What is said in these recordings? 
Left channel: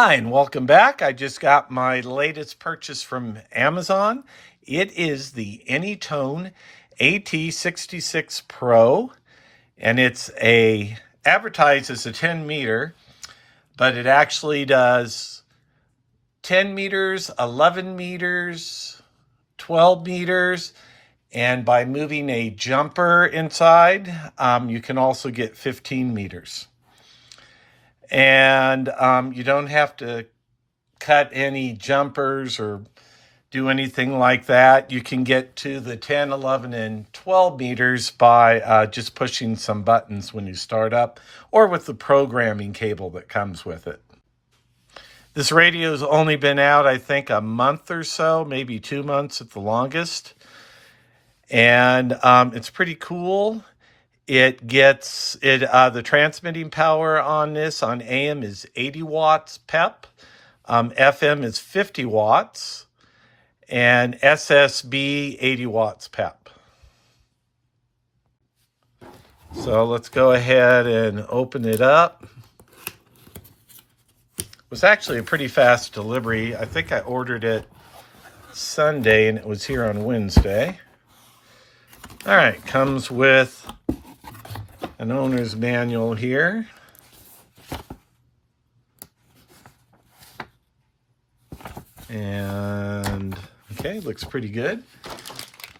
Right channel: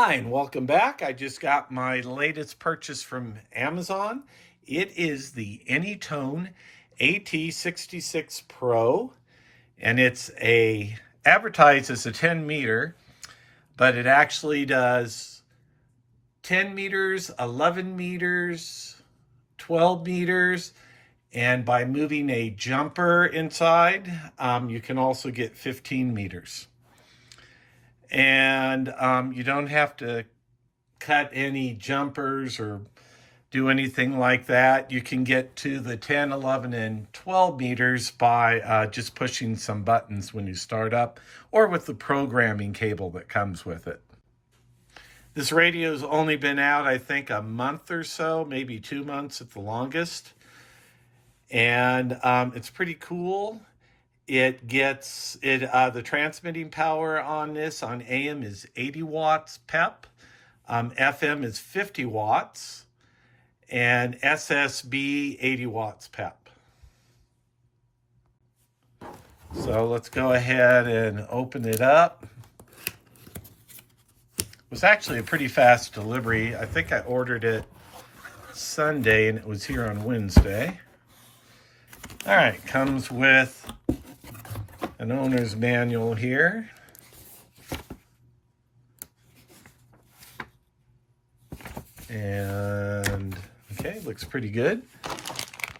Hi, and welcome back. I just got my latest purchase from Amazon. It is the AnyTone AT-66 Pro, and it's advertised as a 10 meter, but it actually does 10 meters, 11 meters, 12 meters, and by moving a jumper inside, you can also get 15 meters. And you don't have to cut any jumpers or do anything like that. You can get to the 10, 11, and 12 meters by just pushing some buttons when you start up or with the programming cable that comes with it. This radio's only been out, I think, a month or so, maybe 2 months at the longest. And it's pretty cool. It gets the transmitting power on this on AM is 80 watts PEP. FM is 50 watts, and SSB 80 watts PEP. So let's go ahead and open it up. It was actually a pretty fast delivery. I think I ordered it Sunday and it was here on Wednesday. All right, comes with an owner's manual here. And okay, looks pretty good.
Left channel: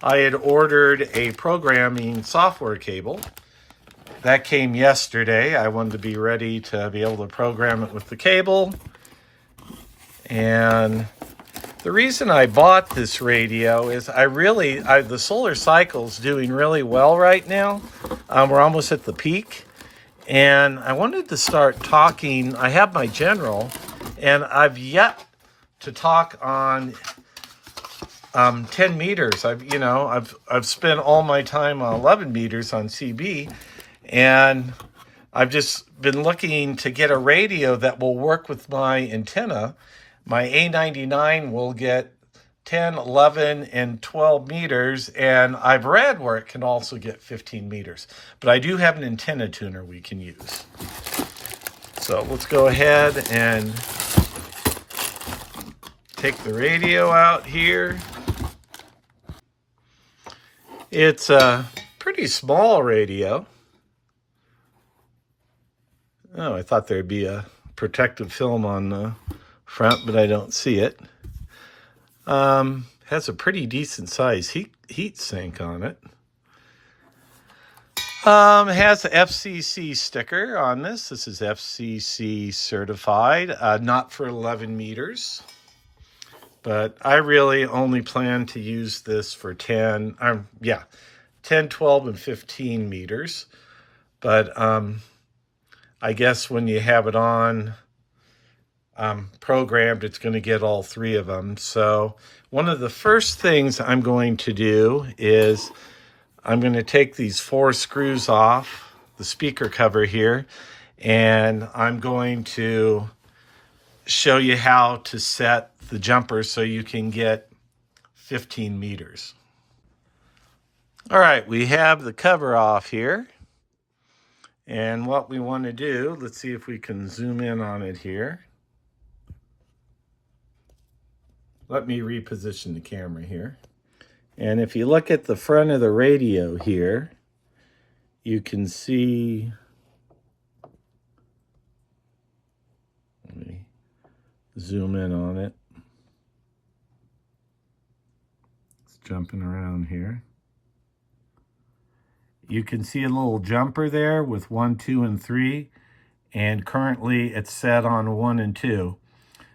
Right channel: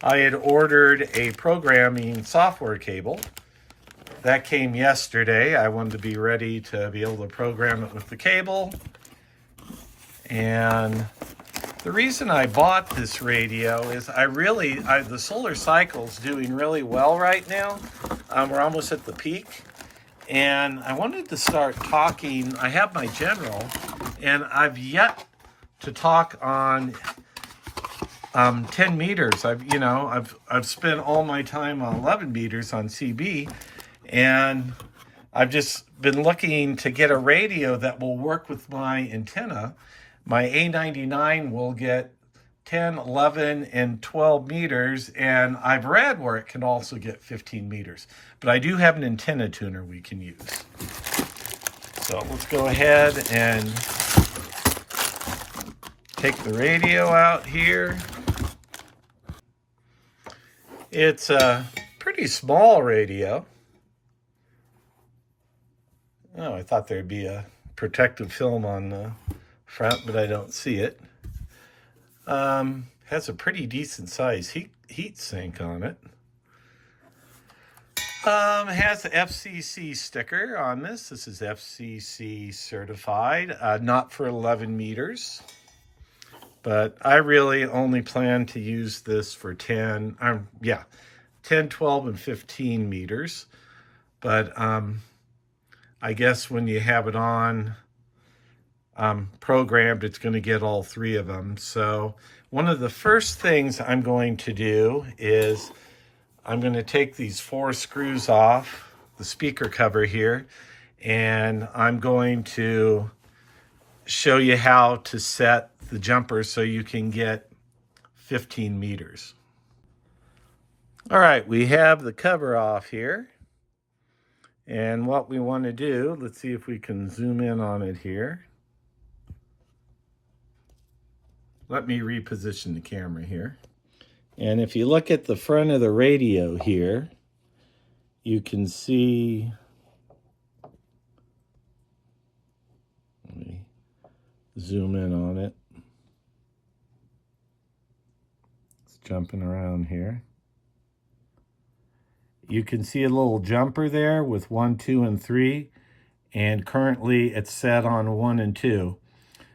I had ordered a programming software cable. That came yesterday. I wanted to be ready to be able to program it with the cable. And the reason I bought this radio is the solar cycle's doing really well right now. We're almost at the peak. And I wanted to start talking. I have my general, and I've yet to talk on 10 meters. I've spent all my time on 11 meters on CB, and I've just been looking to get a radio that will work with my antenna. My A-99 will get 10, 11, and 12 meters, and I've read where it can also get 15 meters. But I do have an antenna tuner we can use. So let's go ahead and take the radio out here. It's a pretty small radio. Oh, I thought there'd be a protective film on the front, but I don't see it. Has a pretty decent size heat sink on it. Has the FCC sticker on this. This is FCC certified, not for 11 meters. But I really only plan to use this for 10, 12, and 15 meters. But I guess when you have it on programmed, it's going to get all three of them. So one of the first things I'm going to do is I'm going to take these 4 screws off the speaker cover here, and I'm going to show you how to set the jumper so you can get 15 meters. All right, we have the cover off here. And what we want to do, let's see if we can zoom in on it here. Let me reposition the camera here. And if you look at the front of the radio here, you can see, let me zoom in on it. It's jumping around here. You can see a little jumper there with 1, 2, and 3, and currently it's set on 1 and 2.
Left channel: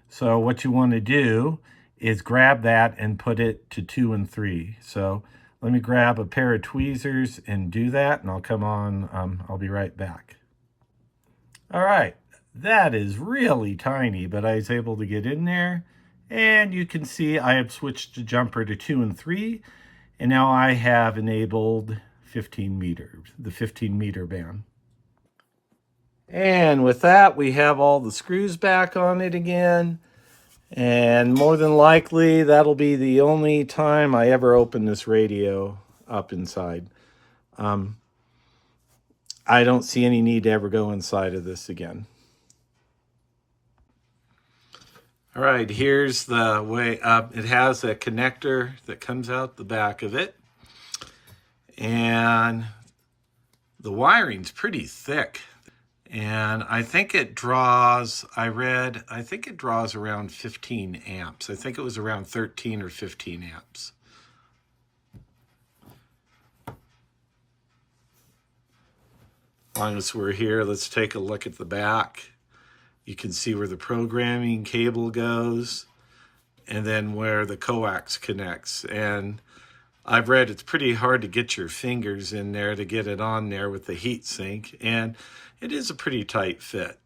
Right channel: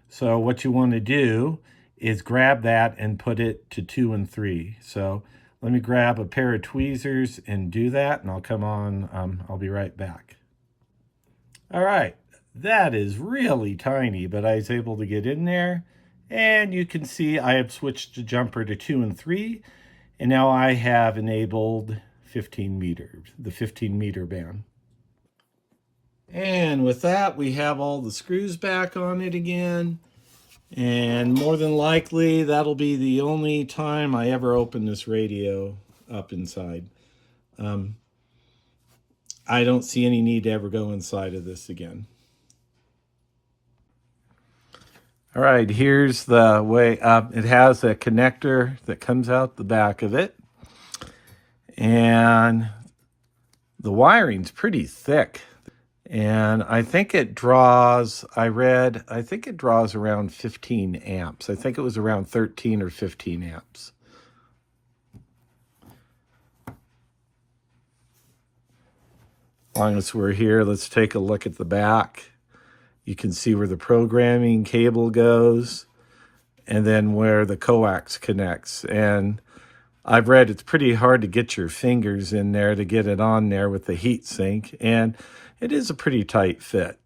So what you want to do is grab that and put it to 2 and 3. So let me grab a pair of tweezers and do that, and I'll come on, I'll be right back. All right, that is really tiny, but I was able to get in there, and you can see I have switched the jumper to 2 and 3, and now I have enabled 15 meters, the 15 meter band. And with that, we have all the screws back on it again. And more than likely, that'll be the only time I ever open this radio up inside. I don't see any need to ever go inside of this again. All right, here's the way. It has a connector that comes out the back of it. And the wiring's pretty thick. And I think it draws, I think it draws around 15 amps. I think it was around 13 or 15 amps. As long as we're here, let's take a look at the back. You can see where the programming cable goes and then where the coax connects. And I've read it's pretty hard to get your fingers in there to get it on there with the heat sink, and it is a pretty tight fit.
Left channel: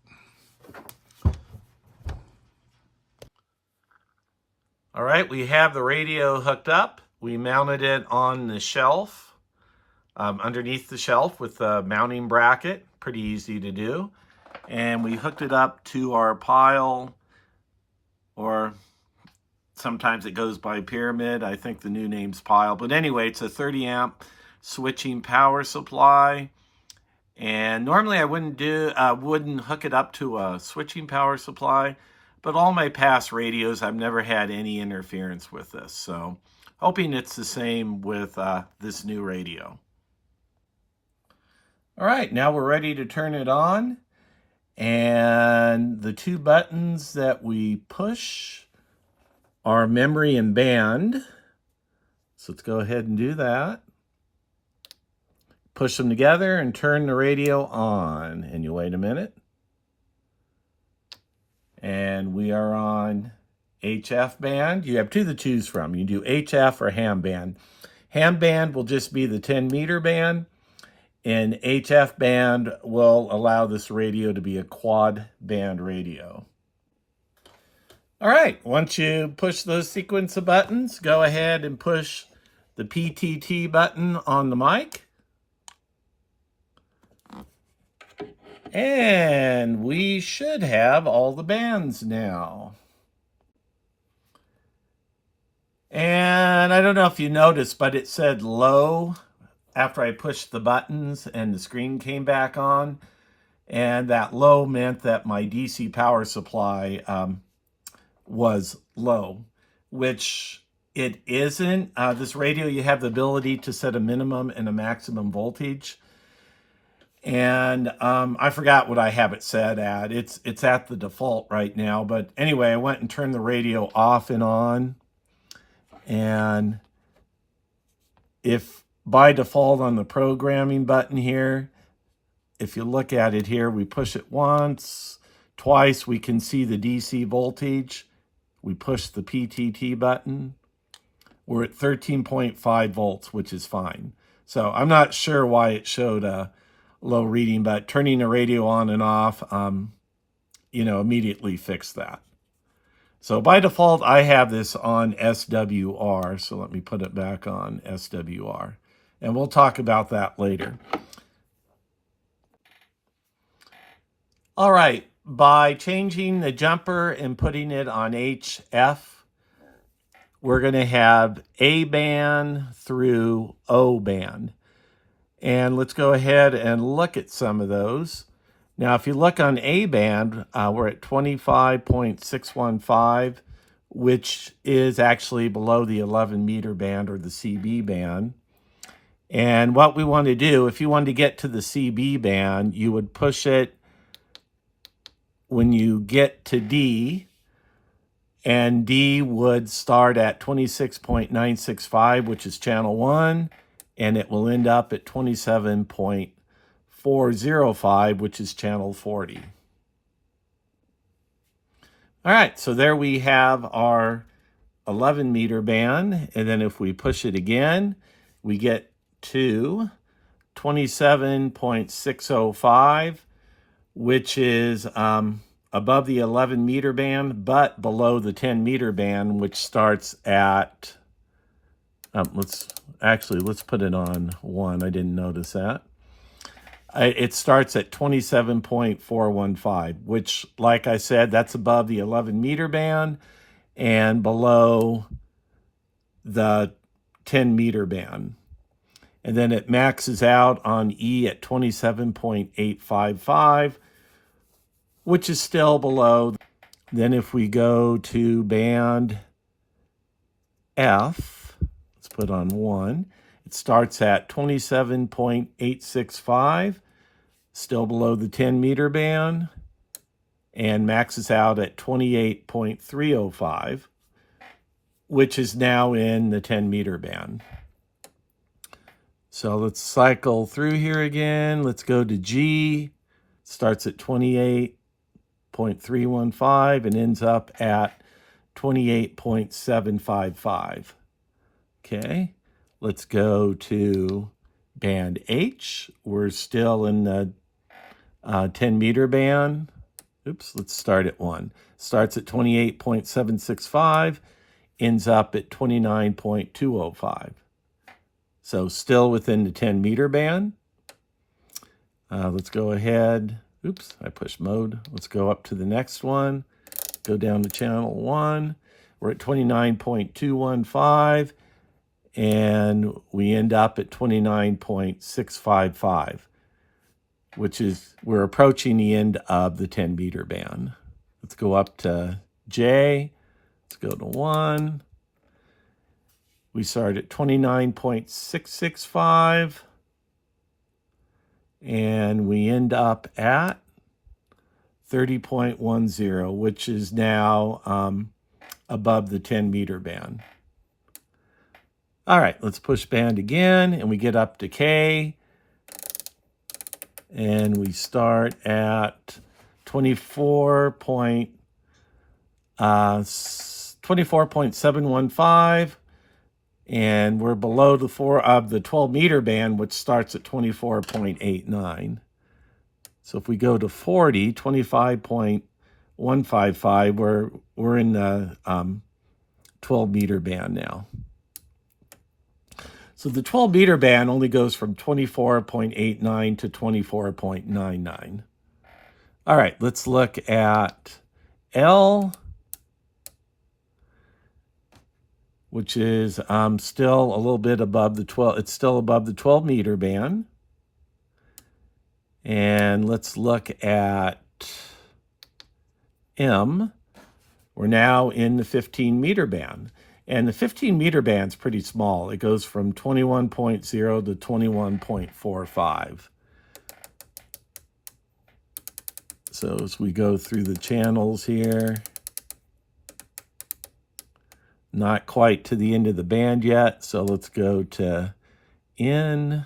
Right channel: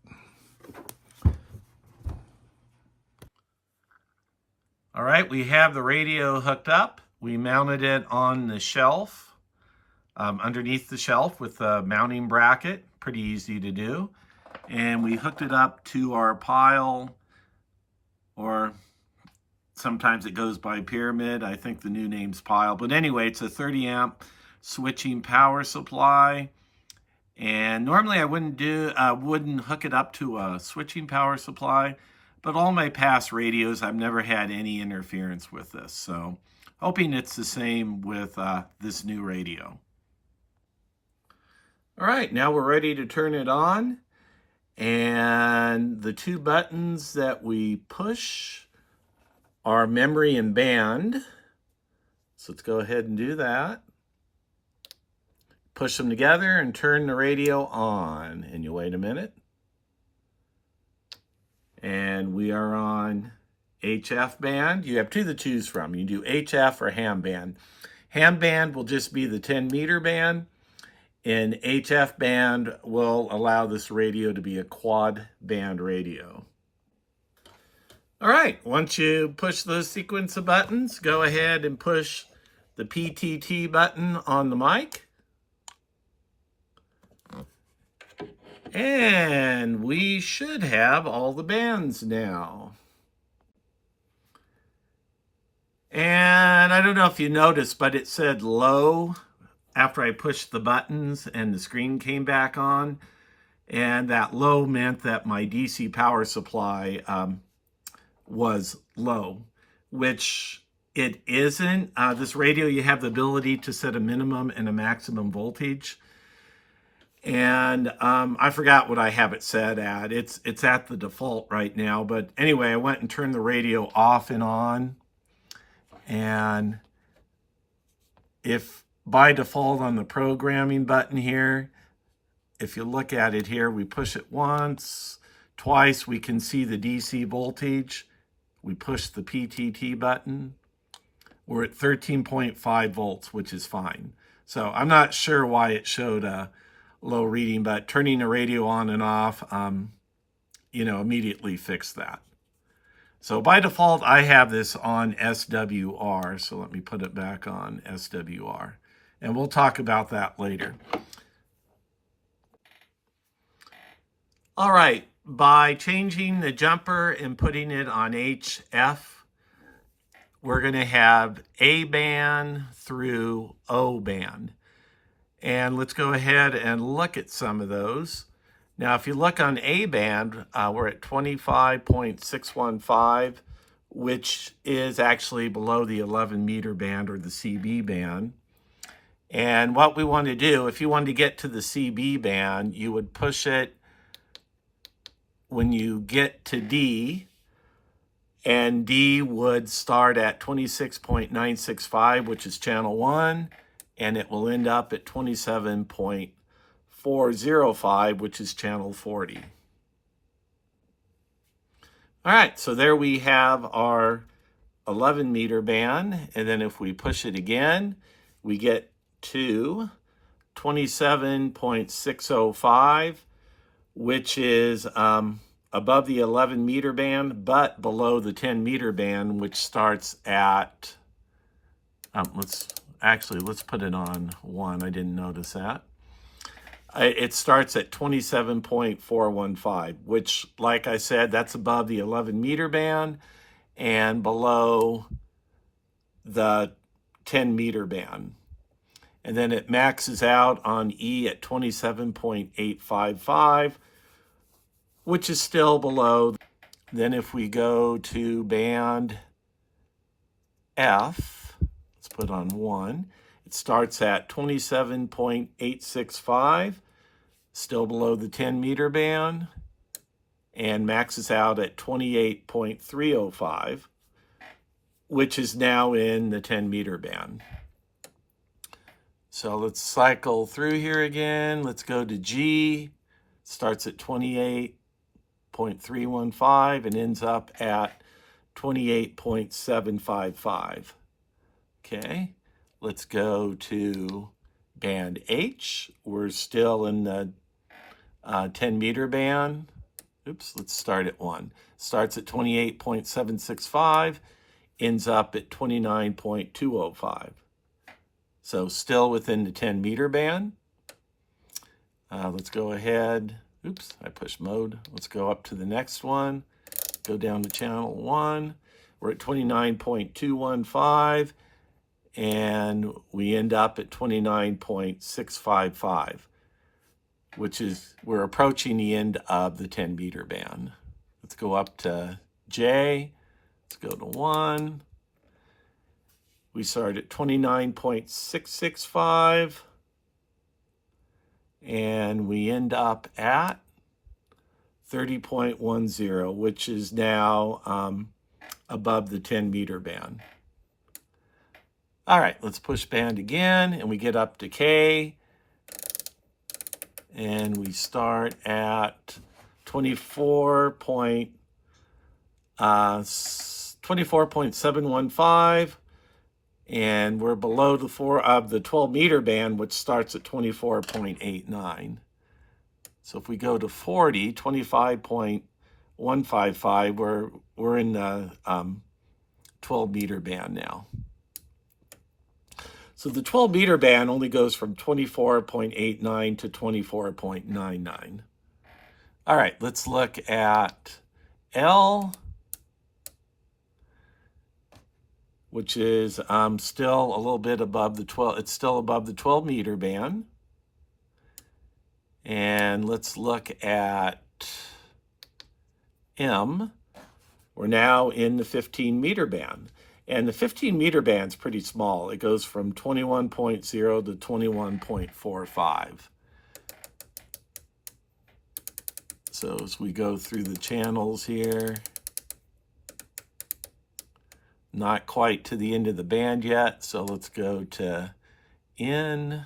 All right, we have the radio hooked up. We mounted it on the shelf, underneath the shelf with a mounting bracket. Pretty easy to do. And we hooked it up to our pile, or sometimes it goes by pyramid. I think the new name's pile. But anyway, it's a 30 amp switching power supply. And normally I wouldn't hook it up to a switching power supply, but all my past radios, I've never had any interference with this. So hoping it's the same with this new radio. All right, now we're ready to turn it on. And the two buttons that we push are memory and band. So let's go ahead and do that. Push them together and turn the radio on. And you wait a minute. And we are on HF band. You have two to choose from. You do HF or ham band. Ham band will just be the 10 meter band. And HF band will allow this radio to be a quad band radio. All right, once you push those sequence of buttons, go ahead and push the PTT button on the mic. And we should have all the bands now. And I don't know if you noticed, but it said low after I pushed the buttons and the screen came back on. And that low meant that my DC power supply was low, which it isn't. This radio, you have the ability to set a minimum and a maximum voltage. And I forgot what I have it set at. It's at the default right now. But anyway, I went and turned the radio off and on. And if by default on the programming button here, if you look at it here, we push it once, twice, we can see the DC voltage. We push the PTT button. We're at 13.5 volts, which is fine. So I'm not sure why it showed a low reading, but turning the radio on and off, immediately fixed that. So by default, I have this on SWR. So let me put it back on SWR. And we'll talk about that later. All right, by changing the jumper and putting it on HF, we're going to have A band through O band. And let's go ahead and look at some of those. Now, if you look on A band, we're at 25.615, which is actually below the 11 meter band or the CB band. And what we want to do, if you wanted to get to the CB band, you would push it when you get to D, and D would start at 26.965, which is channel 1, and it will end up at 27.405, which is channel 40. All right, so there we have our 11 meter band, and then if we push it again, we get to 27.605, which is above the 11 meter band, but below the 10 meter band, which starts at, let's put it on 1. I didn't notice that. It starts at 27.415, which, like I said, that's above the 11 meter band and below the 10 meter band. And then it maxes out on E at 27.855, which is still below Then if we go to band F, let's put on 1. It starts at 27.865, still below the 10 meter band, and maxes out at 28.305, which is now in the 10 meter band. So let's cycle through here again. Let's go to G. Starts at 28.315 and ends up at 28.755. Okay, let's go to band H. We're still in the 10 meter band. Oops, let's start at 1. Starts at 28.765, ends up at 29.205. So still within the 10 meter band. Let's go ahead. Oops, I pushed mode. Let's go up to the next one. Go down to channel 1. We're at 29.215, and we end up at 29.655, which is, we're approaching the end of the 10 meter band. Let's go up to J. Let's go to 1. We start at 29.665, and we end up at 30.10, which is now above the 10 meter band. All right, let's push band again, and we get up to K, and we start at 24.715, and we're below the 12 meter band, which starts at 24.89. So if we go to 40, 25.155, we're in the 12 meter band now. So the 12 meter band only goes from 24.89 to 24.99. All right, let's look at L, which is still a little bit above the 12. It's still above the 12 meter band. And let's look at M. We're now in the 15 meter band. And the 15 meter band is pretty small. It goes from 21.0 to 21.45. So as we go through the channels here, not quite to the end of the band yet. So let's go to N.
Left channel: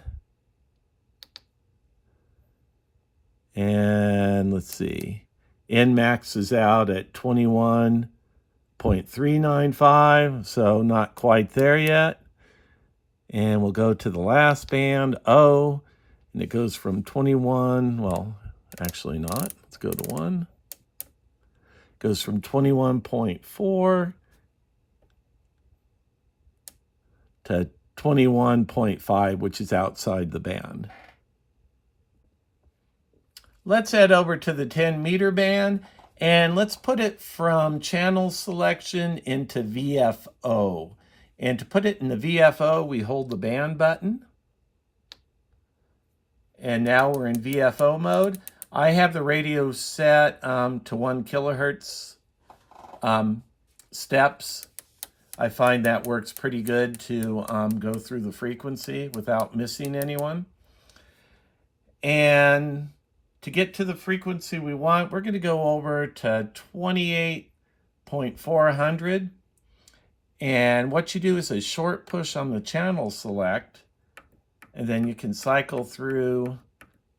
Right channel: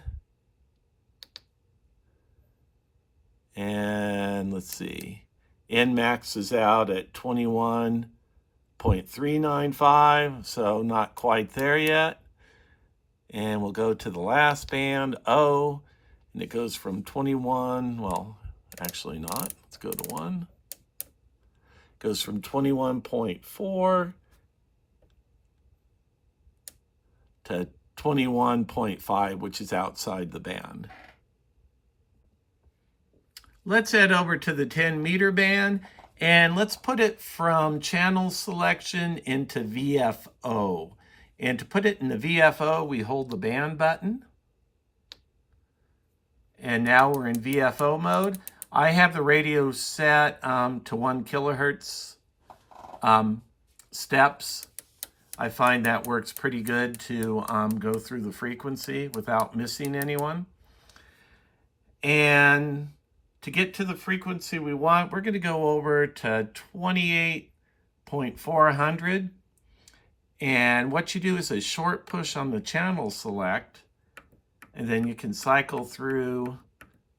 And let's see, N maxes out at 21.395, so not quite there yet. And we'll go to the last band, O, and it goes from 21, well, actually not. Let's go to 1. It goes from 21.4 to 21.5, which is outside the band. Let's head over to the 10 meter band, and let's put it from channel selection into VFO. And to put it in the VFO, we hold the band button. And now we're in VFO mode. I have the radio set to 1 kilohertz steps. I find that works pretty good to go through the frequency without missing anyone. And to get to the frequency we want, we're going to go over to 28.400. And what you do is a short push on the channel select, and then you can cycle through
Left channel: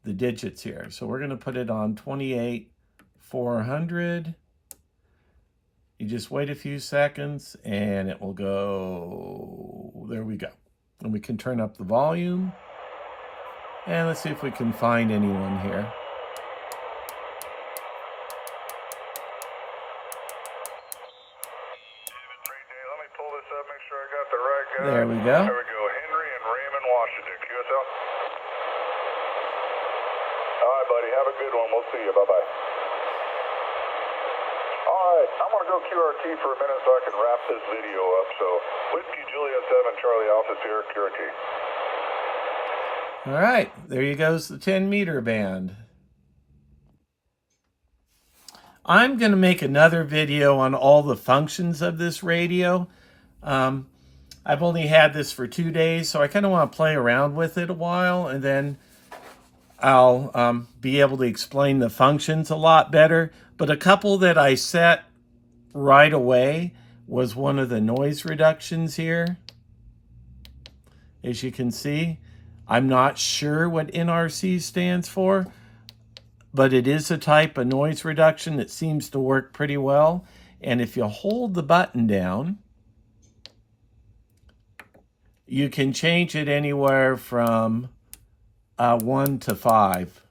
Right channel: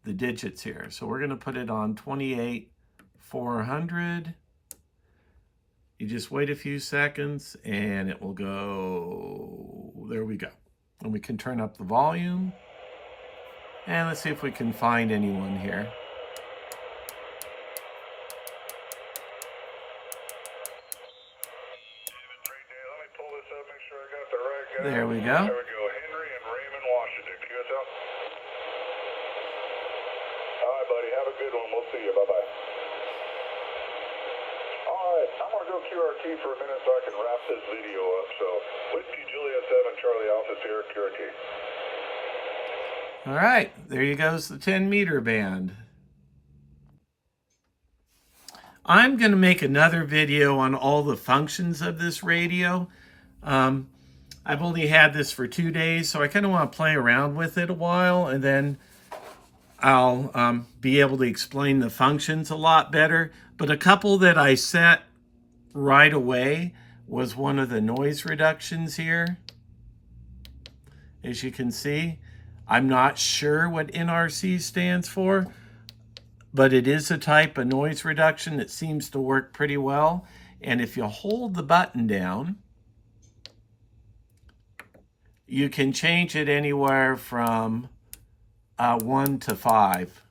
the digits here. So we're going to put it on 28.400. You just wait a few seconds, and it will go. There we go. And we can turn up the volume. And let's see if we can find anyone here. There we go. There we go. Henry and Raymond, Washington. QSL. All right, buddy. Have a good one. We'll see you. Bye-bye. All right. I'm going to go QRT for a minute so I can wrap this video up. So, Whiskey Juliet 7, Charlie Alpha Sierra, QRT. All right. There you goes the 10 meter band. I'm going to make another video on all the functions of this radio. I've only had this for 2 days, so I kind of want to play around with it a while, and then I'll be able to explain the functions a lot better. But a couple that I set right away was one of the noise reductions here. As you can see, I'm not sure what NRC stands for, but it is a type of noise reduction that seems to work pretty well. And if you hold the button down, you can change it anywhere from 1 to 5.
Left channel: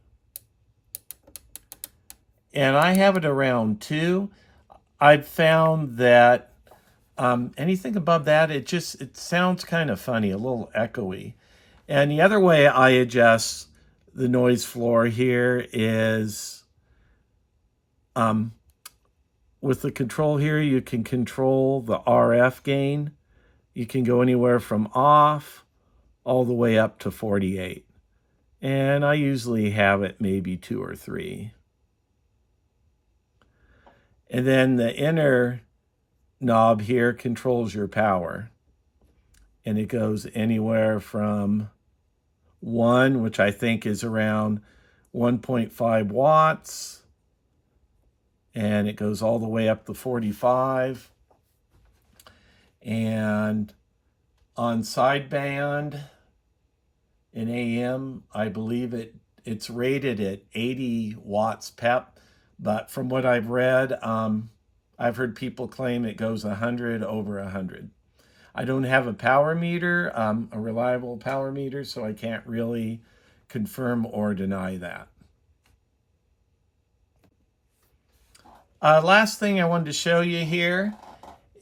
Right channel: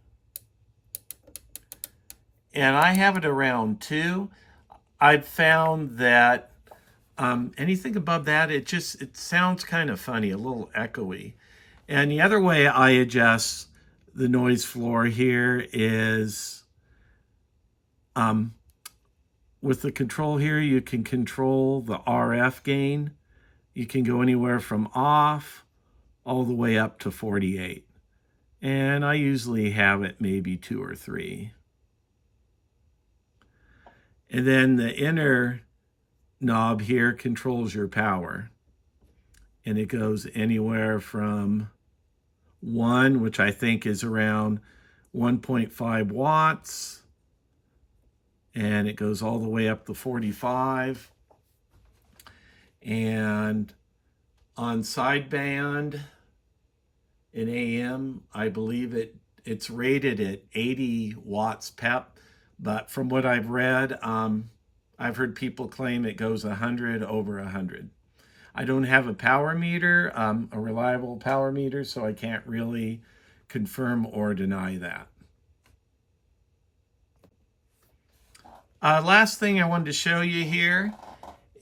And I have it around 2. I've found that anything above that, it sounds kind of funny, a little echoey. And the other way I adjust the noise floor here is with the control here, you can control the RF gain. You can go anywhere from off all the way up to 48. And I usually have it maybe 2 or 3. And then the inner knob here controls your power. And it goes anywhere from 1, which I think is around 1.5 watts. And it goes all the way up to 45. And on sideband in AM, I believe it's rated at 80 watts PEP. But from what I've read, I've heard people claim it goes 100 over 100. I don't have a power meter, a reliable power meter, so I can't really confirm or deny that. Last thing I wanted to show you here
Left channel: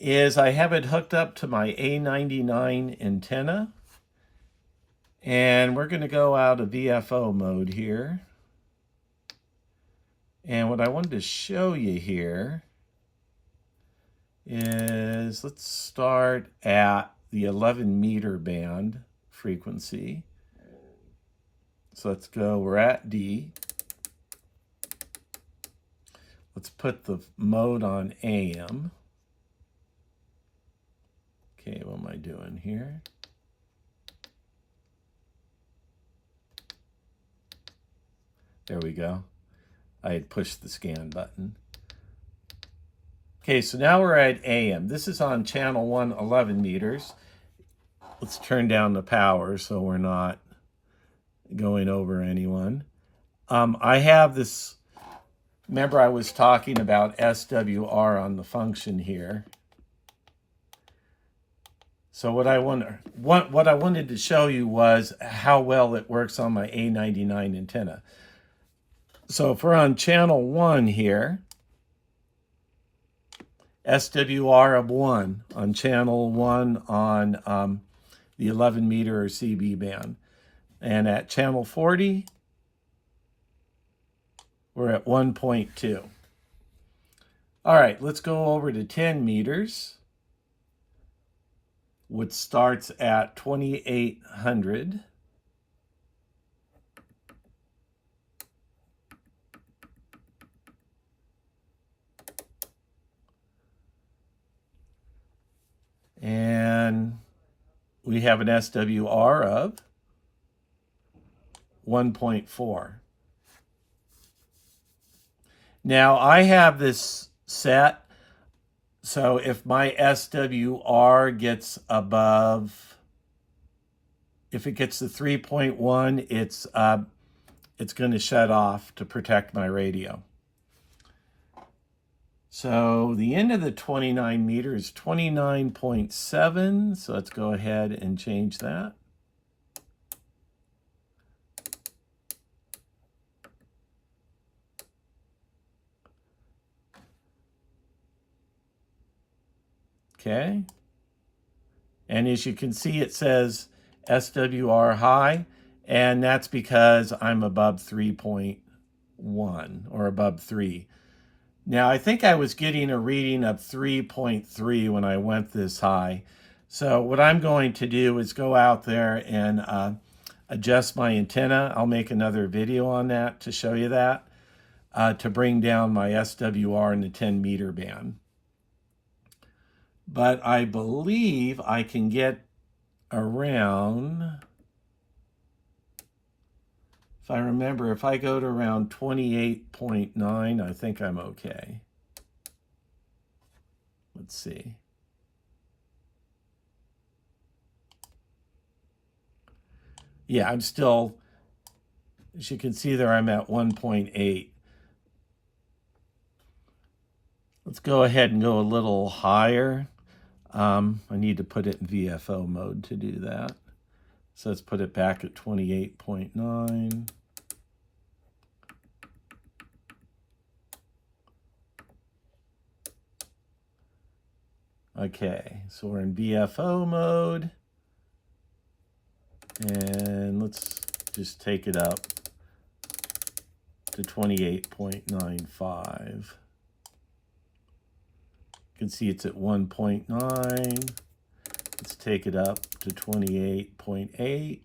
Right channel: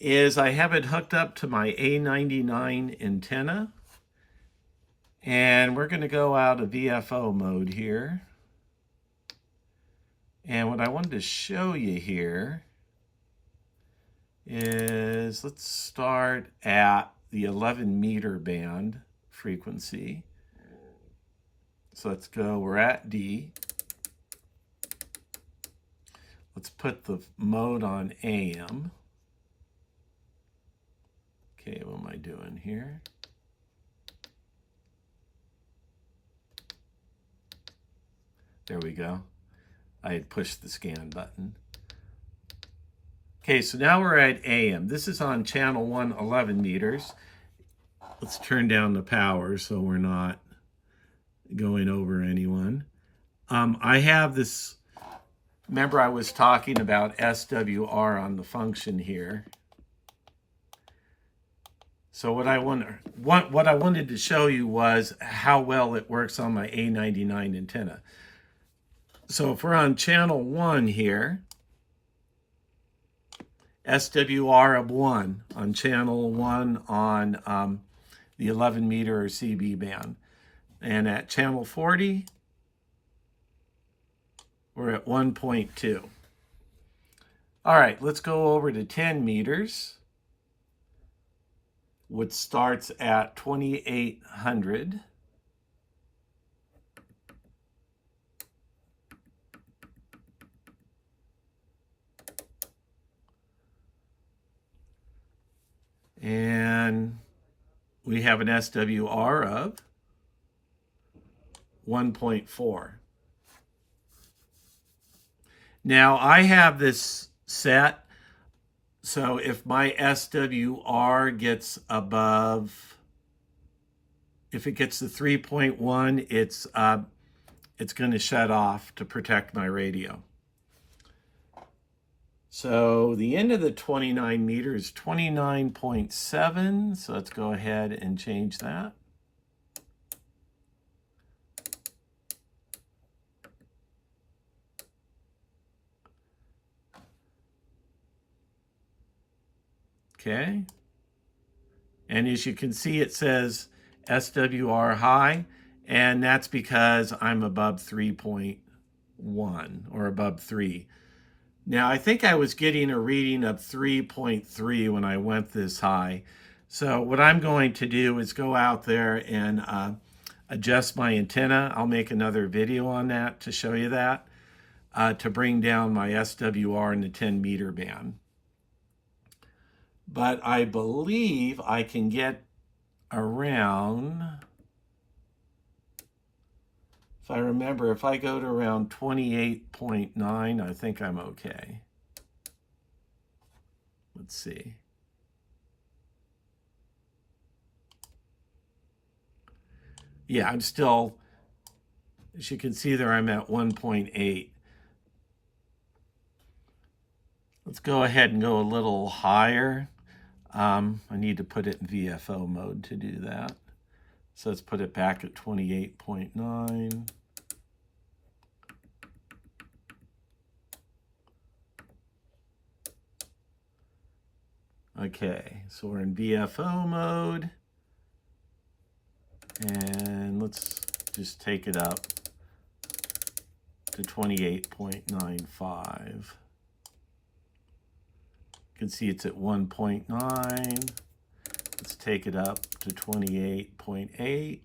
is I have it hooked up to my A-99 antenna. And we're going to go out of VFO mode here. And what I wanted to show you here is, let's start at the 11 meter band frequency. So let's go, we're at D. Let's put the mode on AM. Okay, what am I doing here? There we go. I had pushed the scan button. Okay, so now we're at AM. This is on channel 1, 11 meters. Let's turn down the power so we're not going over anyone. I have this, remember I was talking about SWR on the function here. So what I wanted to show you was how well it works on my A-99 antenna. So if we're on channel 1 here, SWR of 1 on channel 1 on the 11 meter or CB band. And at channel 40, we're at 1.2. All right, let's go over to 10 meters, which starts at 2800. And we have an SWR of 1.4. Now I have this set, so if my SWR gets above, if it gets to 3.1, it's going to shut off to protect my radio. So the end of the 29 meter is 29.7. So let's go ahead and change that. Okay. And as you can see, it says SWR high, and that's because I'm above 3.1 or above 3. Now, I think I was getting a reading of 3.3 when I went this high. So what I'm going to do is go out there and adjust my antenna. I'll make another video on that to show you that. to bring down my SWR in the 10 meter band. But I believe I can get around, if I remember, if I go to around 28.9, I think I'm okay. Let's see. Yeah, I'm still, as you can see there, I'm at 1.8. Let's go ahead and go a little higher. I need to put it in VFO mode to do that. So let's put it back at 28.9. Okay, so we're in VFO mode. And let's just take it up to 28.95. You can see it's at 1.9. Let's take it up to 28.8.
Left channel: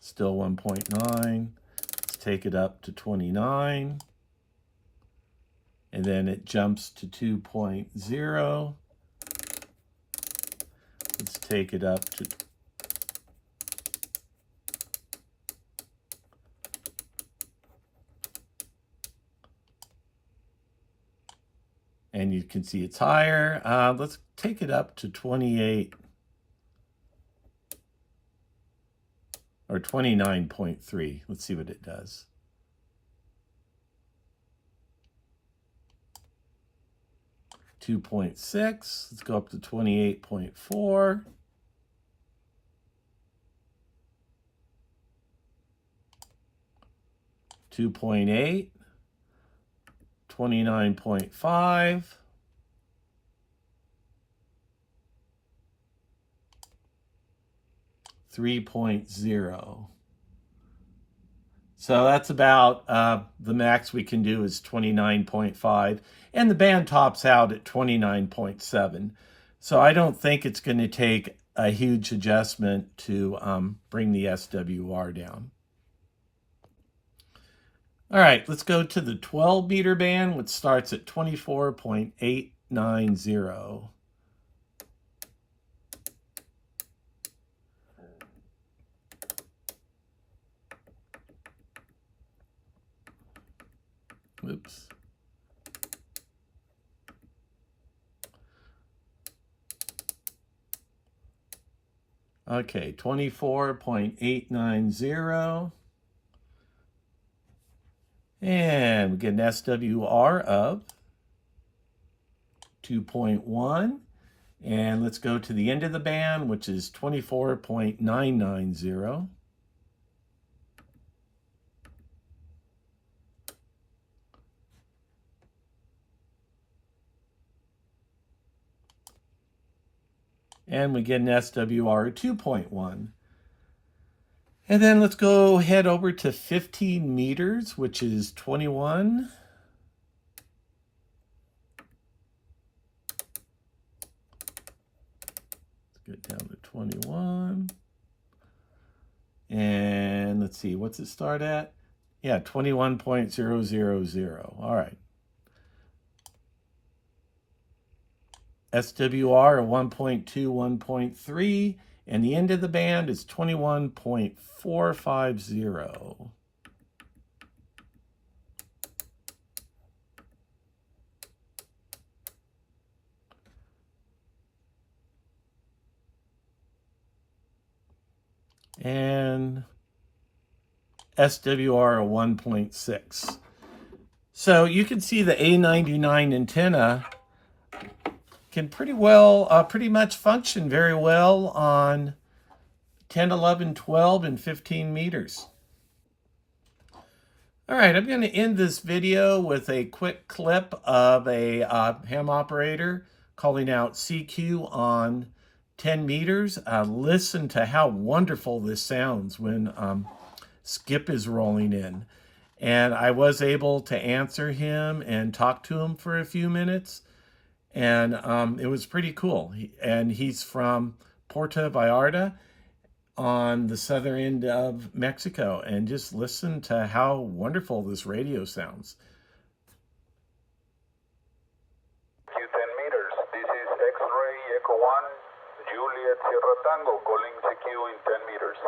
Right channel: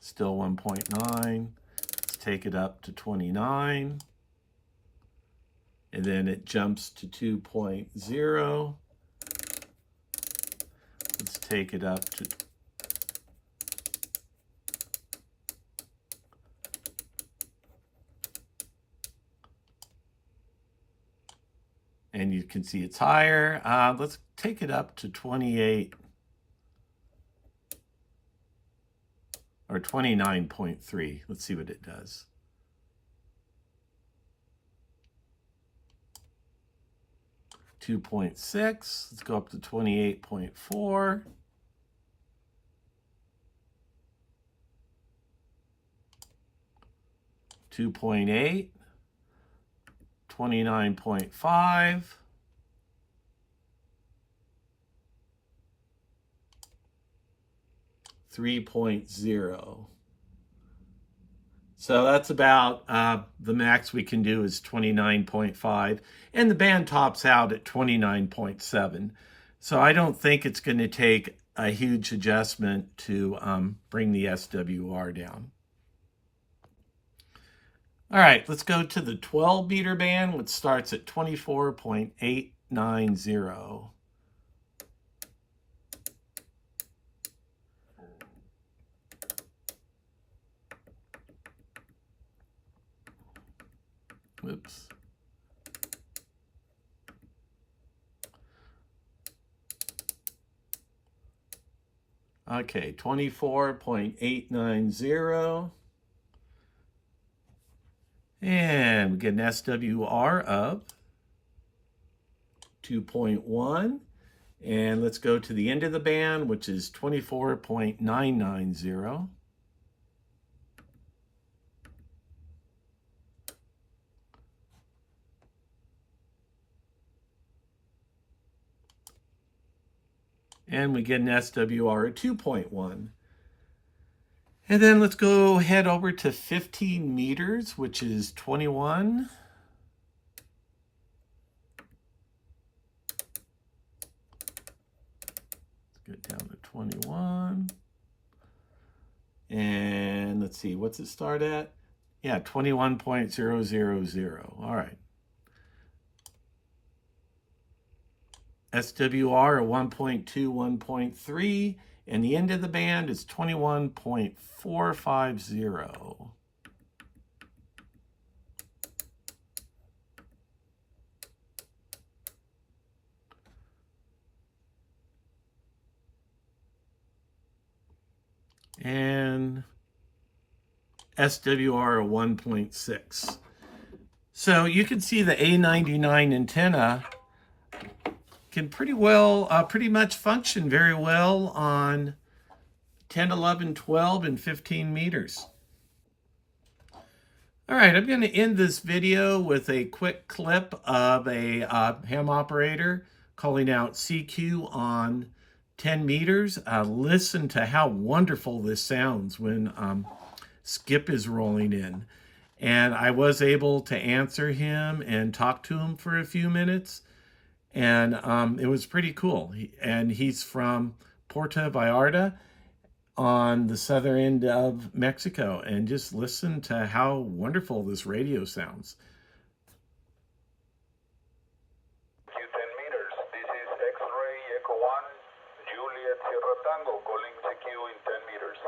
Still 1.9. Let's take it up to 29. And then it jumps to 2.0. Let's take it up to and you can see it's higher. Let's take it up to 28 or 29.3. Let's see what it does. .6. Let's go up to 28.4. .8. 29.5. 3.0. So that's about the max we can do is 29.5, and the band tops out at 29.7. So I don't think it's going to take a huge adjustment to bring the SWR down. All right, let's go to the 12 meter band, which starts at 24.890. Oops. Okay, 24.890. And we get an SWR of 2.1. And let's go to the end of the band, which is 24.990. And we get an SWR of 2.1. And then let's go head over to 15 meters, which is 21. Let's get down to 21. And let's see, what's it start at? Yeah, 21.000. All right. SWR of 1.2, 1.3. And the end of the band is 21.450. And SWR of 1.6. So you can see the A-99 antenna can pretty much function very well on 10, 11, 12, and 15 meters. All right, I'm going to end this video with a quick clip of a ham operator calling out CQ on 10 meters. Listen to how wonderful this sounds when skip is rolling in. And I was able to answer him and talk to him for a few minutes. And it was pretty cool. And he's from Puerto Vallarta. on the southern end of Mexico and just listen to how wonderful this radio sounds. 10 meters. This is X-ray Echo 1, Juliet Sierra Tango, calling CQ in 10 meters.